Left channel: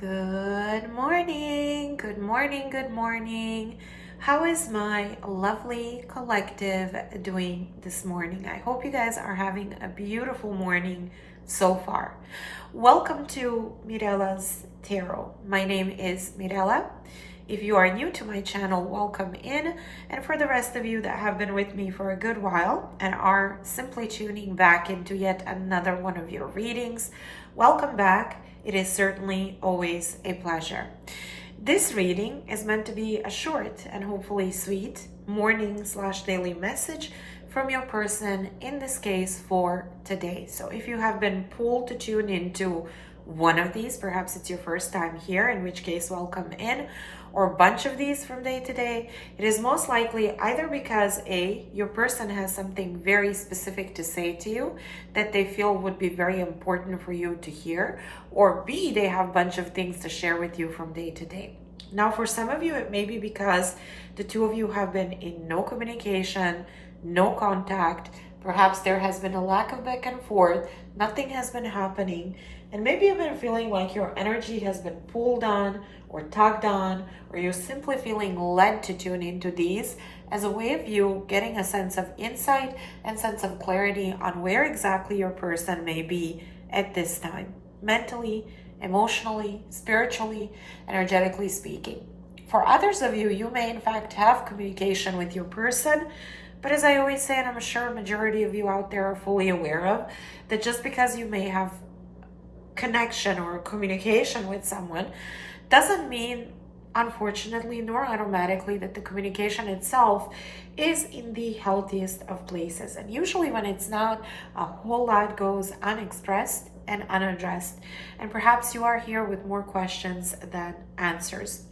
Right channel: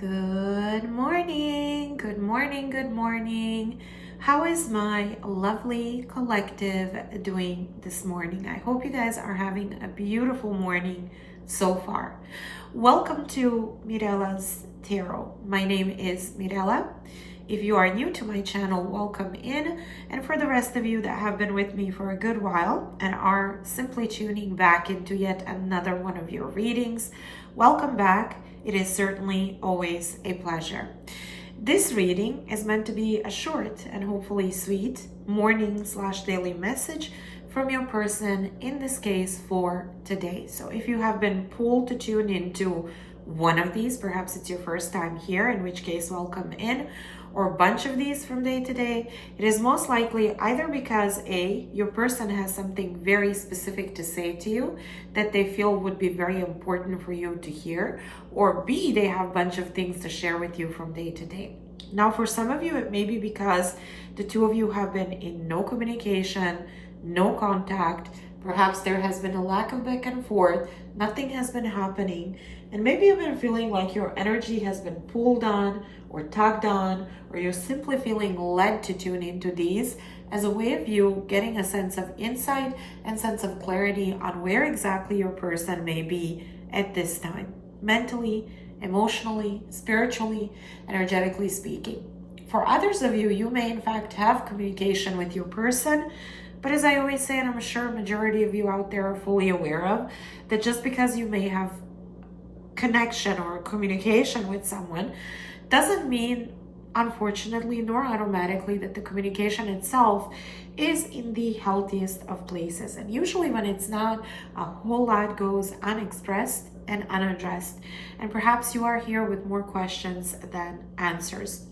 Good morning, good morning, good morning. How is my lovely collective doing this morning? I hope you guys are having a beautiful morning so far. Welcome to Mirella's Tarot. My name is Mirella. If you are new to my channel, welcome in. And for the rest of you that have been with me for a good while and are simply tuning back into yet another one of your readings, welcome back. It is certainly always a pleasure. This reading is meant to be a short and hopefully sweet morning/daily message from your person, in this case for today. So if you have been pulled to tune into one of these, perhaps it's your first time here, in which case welcome in, or a bunch of these from day to day, it is most likely either because A, your person has something very specific to say to you that they feel would be very important for you to hear, or B, they have a bunch of things to share with you from day to day. Now, for some of you, it may be because the two of you have been in no communication, no contact. Perhaps there has been a lack of back and forth, nothing has been happening, and maybe you've been feeling like your energy has been pulled on or tugged on, or you're simply feeling led to tune into these as a way of you getting a sense of insight and sense of clarity on where exactly your person may be at this time, mentally, emotionally, spiritually, energetically speaking. For others of you, you may in fact have communication with your person, but as I always say, and I'm sure a majority of you out there are fully aware of, that just because you may have connection or communication with someone doesn't mean, unfortunately, nor automatically, that the communication itself is in the healthiest of places. And usually when it's not, a whole lot goes unexpressed and unaddressed. And perhaps you are here with more questions than answers.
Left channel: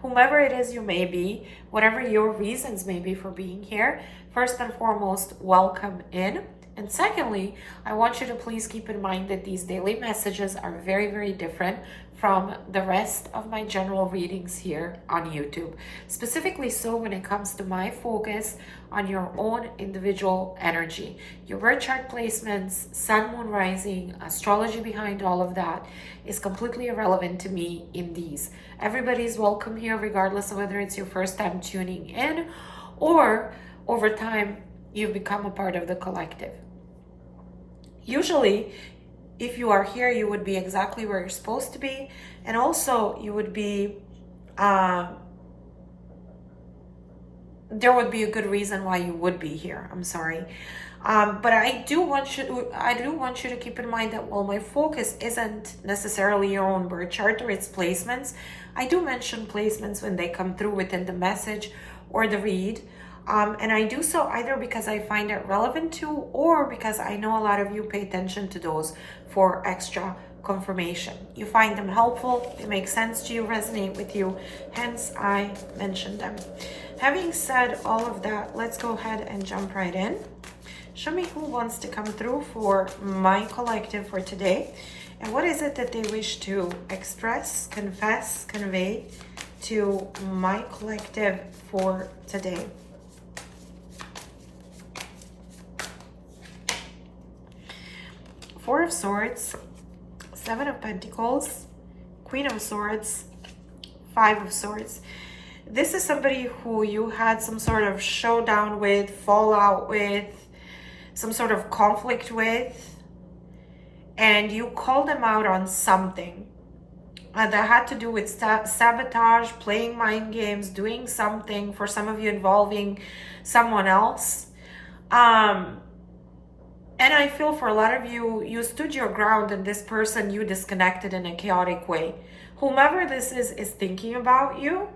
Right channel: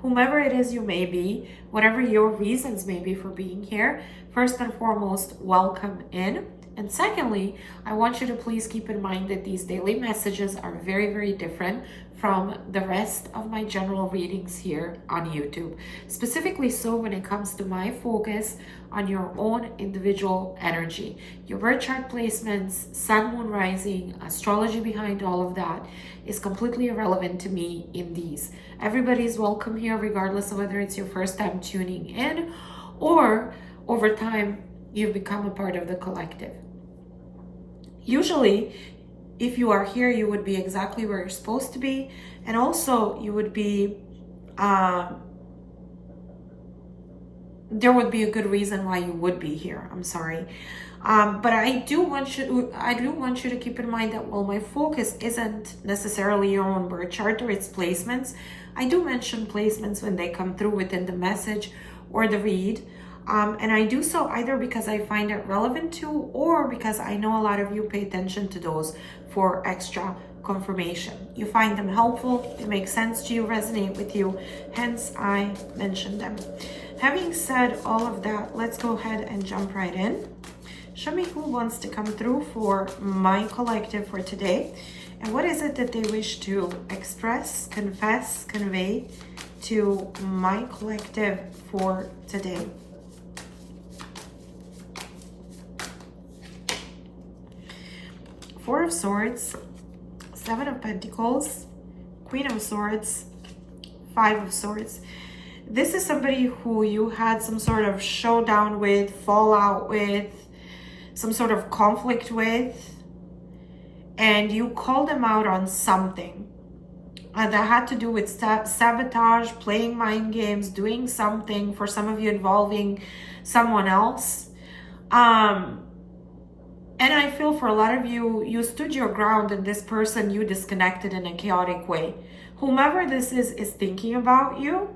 Whomever it is you may be, whatever your reasons may be for being here, first and foremost, welcome in. And secondly, I want you to please keep in mind that these daily messages are very, very different from the rest of my general readings here on YouTube. Specifically so when it comes to my focus on your own individual energy. Your birth chart placements, sun, moon, rising, astrology behind all of that is completely irrelevant to me in these. Everybody's welcome here regardless of whether it's your first time tuning in or over time you've become a part of the collective. Usually, if you are here, you would be exactly where you're supposed to be, and also you would be, there would be a good reason why you would be here. I'm sorry. But I do want you to keep in mind that while my focus isn't necessarily your own birth chart or its placements, I do mention placements when they come through within the message or the read. And I do so either because I find it relevant to, or because I know a lot of you pay attention to those for extra confirmation. You find them helpful, it makes sense to you, resonate with you, hence I mention them. Having said all of that, let's go ahead and jump right in. Show me who wants to come through for my collective for today. And what is it that they wish to express, confess, convey to my collective for today? Four of Swords, Seven of Pentacles, Queen of Swords, Five of Swords. This is somebody who you had some sort of showdown with, fallout with, some sort of conflict with, and you called them out on something. And that had to do with sabotage, playing mind games, doing something, for some of you involving someone else. And I feel for a lot of you, you stood your ground and this person you disconnected in a chaotic way. Whomever this is thinking about you.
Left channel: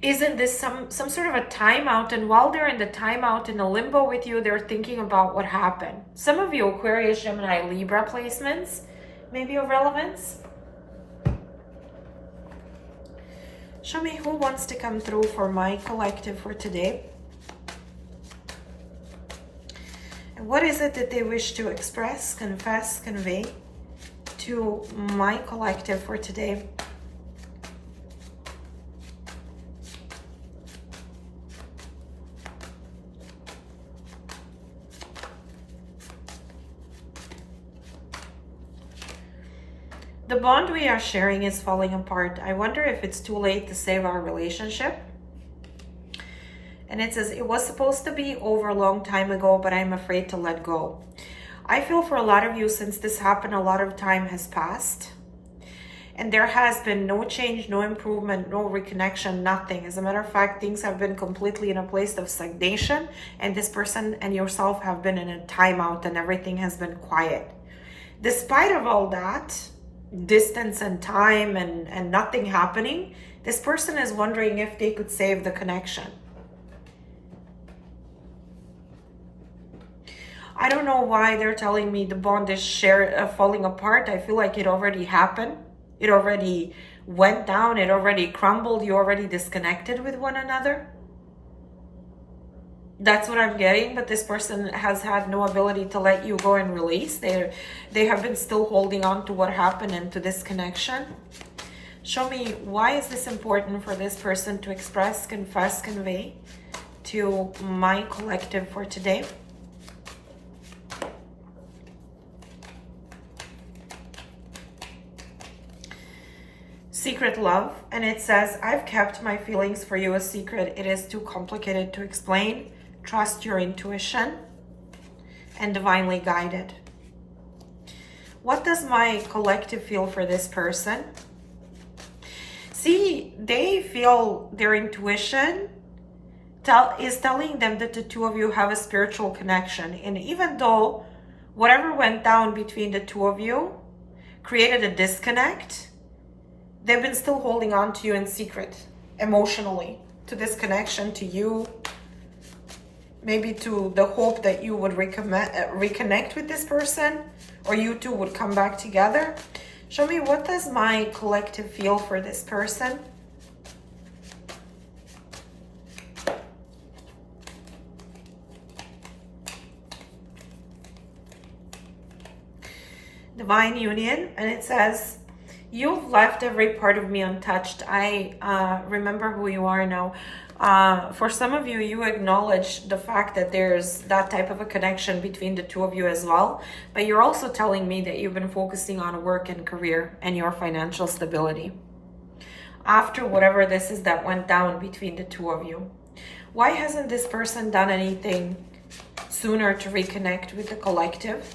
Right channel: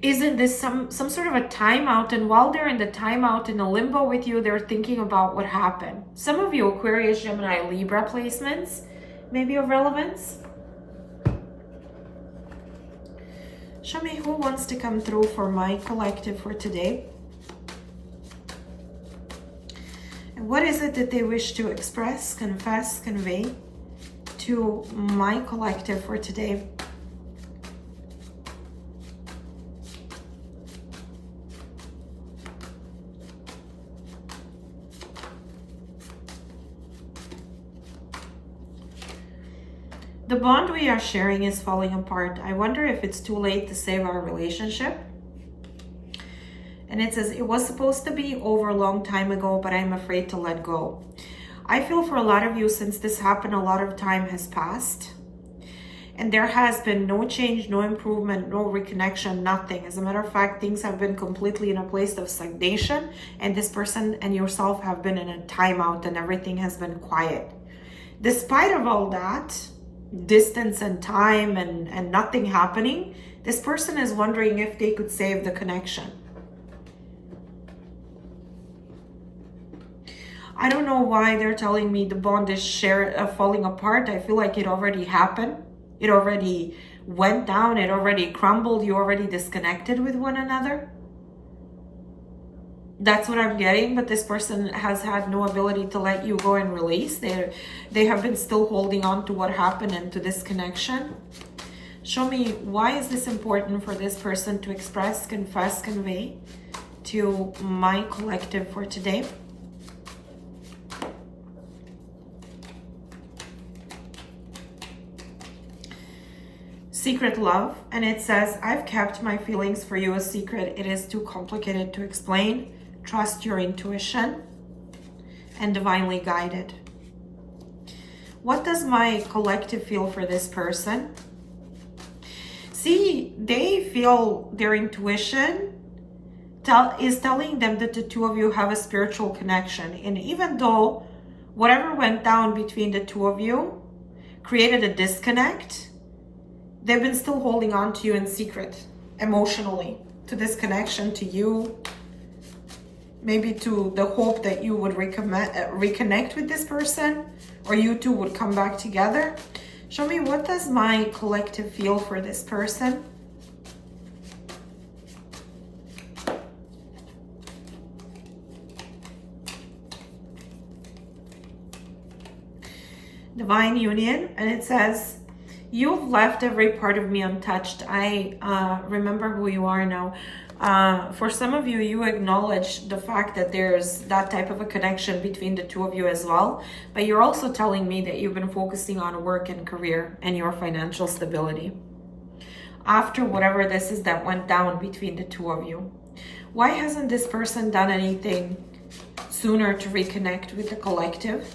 Isn't this some sort of a timeout? And while they're in the timeout, in a limbo with you, they're thinking about what happened. Some of you Aquarius, Gemini, Libra placements may be of relevance. Show me who wants to come through for my collective for today. And what is it that they wish to express, confess, convey to my collective for today? The bond we are sharing is falling apart. I wonder if it's too late to save our relationship. And it says, it was supposed to be over a long time ago, but I'm afraid to let go. I feel for a lot of you, since this happened, a lot of time has passed. And there has been no change, no improvement, no reconnection, nothing. As a matter of fact, things have been completely in a place of stagnation, and this person and yourself have been in a timeout, and everything has been quiet. Despite of all that, distance and time and nothing happening, this person is wondering if they could save the connection. I don't know why they're telling me the bond is falling apart. I feel like it already happened. It already went down. It already crumbled. You already disconnected with one another. That's what I'm getting. But this person has had no ability to let you go and release. They have been still holding on to what happened and to this connection. Show me, why is this important for this person to express, confess, convey to my collective for today? Secret love, and it says, I've kept my feelings for you a secret. It is too complicated to explain. Trust your intuition and divinely guided. What does my collective feel for this person? See, they feel their intuition is telling them that the two of you have a spiritual connection. And even though whatever went down between the two of you created a disconnect, they've been still holding on to you in secret, emotionally, to this connection, to you, maybe to the hope that you would reconnect with this person, or you two would come back together. Show me, what does my collective feel for this person? Divine union, and it says, you've left every part of me untouched. I remember who you are now. For some of you, you acknowledge the fact that there's that type of a connection between the two of you as well. But you're also telling me that you've been focusing on work and career and your financial stability. After whatever this is that went down between the two of you, why hasn't this person done anything sooner to reconnect with the collective?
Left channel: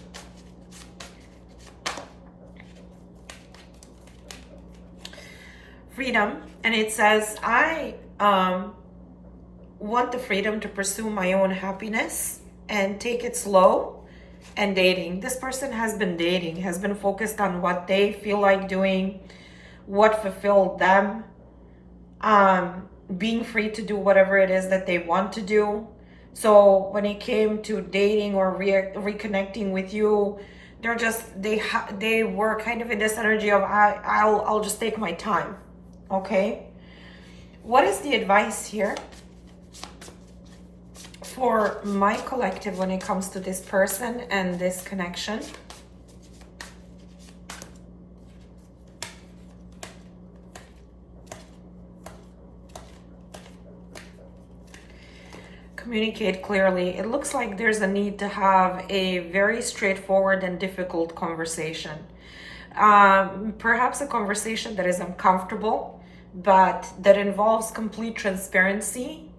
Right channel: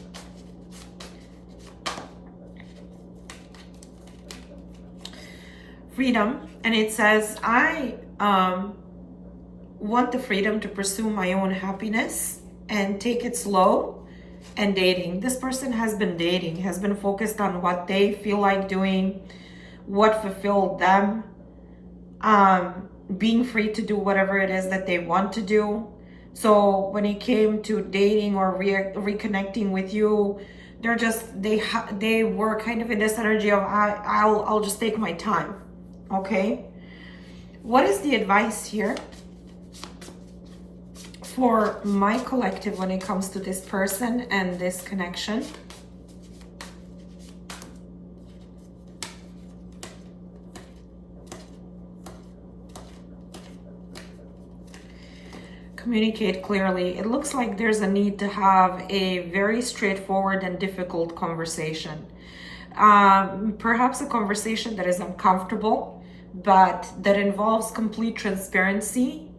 Freedom, and it says, I want the freedom to pursue my own happiness and take it slow. And dating, this person has been dating, has been focused on what they feel like doing, what fulfilled them, being free to do whatever it is that they want to do. So when it came to dating or reconnecting with you, they're just, they were kind of in this energy of, I'll just take my time. Okay, what is the advice here for my collective when it comes to this person and this connection? Communicate clearly. It looks like there's a need to have a very straightforward and difficult conversation. Perhaps a conversation that is uncomfortable, but that involves complete transparency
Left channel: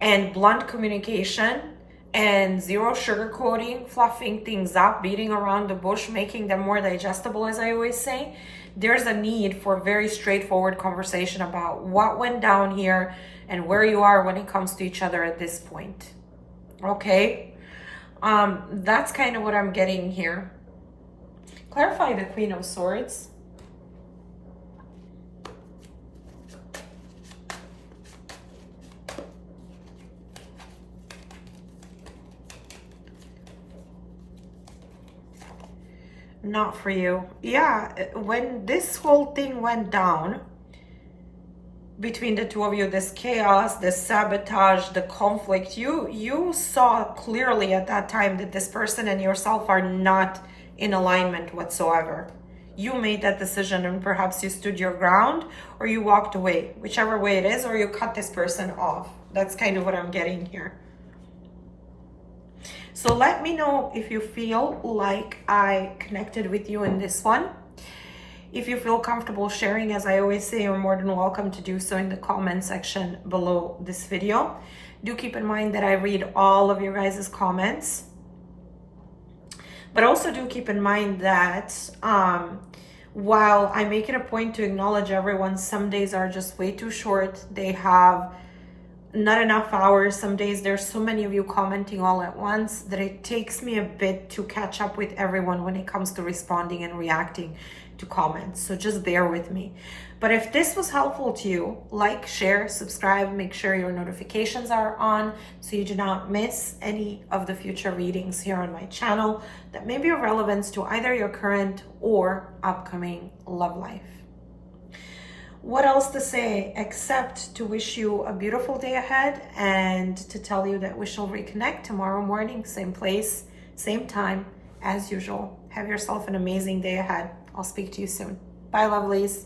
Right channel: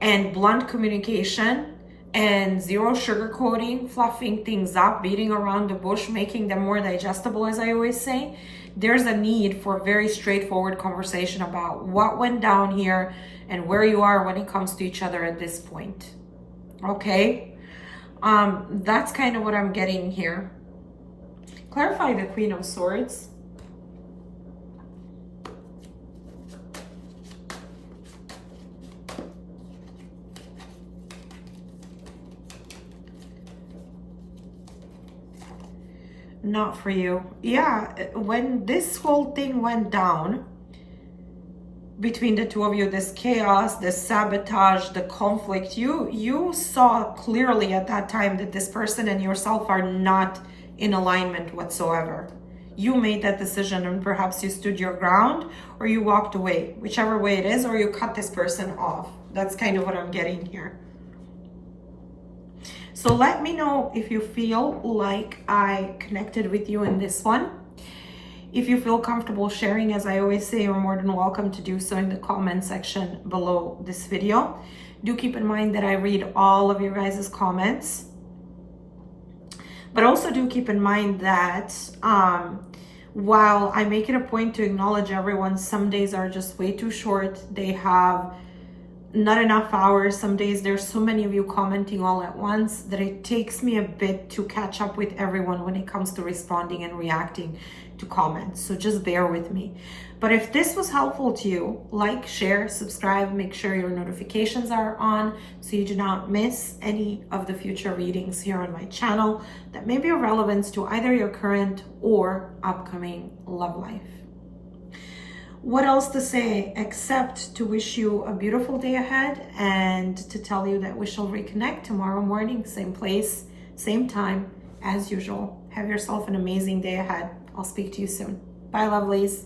and blunt communication and zero sugarcoating, fluffing things up, beating around the bush, making them more digestible, as I always say. There's a need for very straightforward conversation about what went down here and where you are when it comes to each other at this point. Okay? That's kind of what I'm getting here. Clarify the Queen of Swords. Not for you. Yeah, when this whole thing went down between the two of you, this chaos, this sabotage, the conflict, you saw clearly at that time that this person and yourself are not in alignment whatsoever. You made that decision, and perhaps you stood your ground or you walked away, whichever way it is, or you cut this person off. That's kind of what I'm getting here. So let me know if you feel like I connected with you in this one. If you feel comfortable sharing, as I always say, you're more than welcome to do so in the comment section below this video. Do keep in mind that I read all of your guys' comments. But also do keep in mind that while I make it a point to acknowledge everyone, some days are just way too short. They have not enough hours. Some days there's so many of you commenting all at once that it takes me a bit to catch up with everyone when it comes to responding and reacting to comments. So just bear with me. But if this was helpful to you, like, share, subscribe, make sure your notifications are on so you do not miss any of the future readings here on my channel that may be of relevance to either your current or upcoming love life. What else to say except to wish you a beautiful day ahead and to tell you that we shall reconnect tomorrow morning, same place, same time as usual. Have yourself an amazing day ahead. I'll speak to you soon. Bye, lovelies.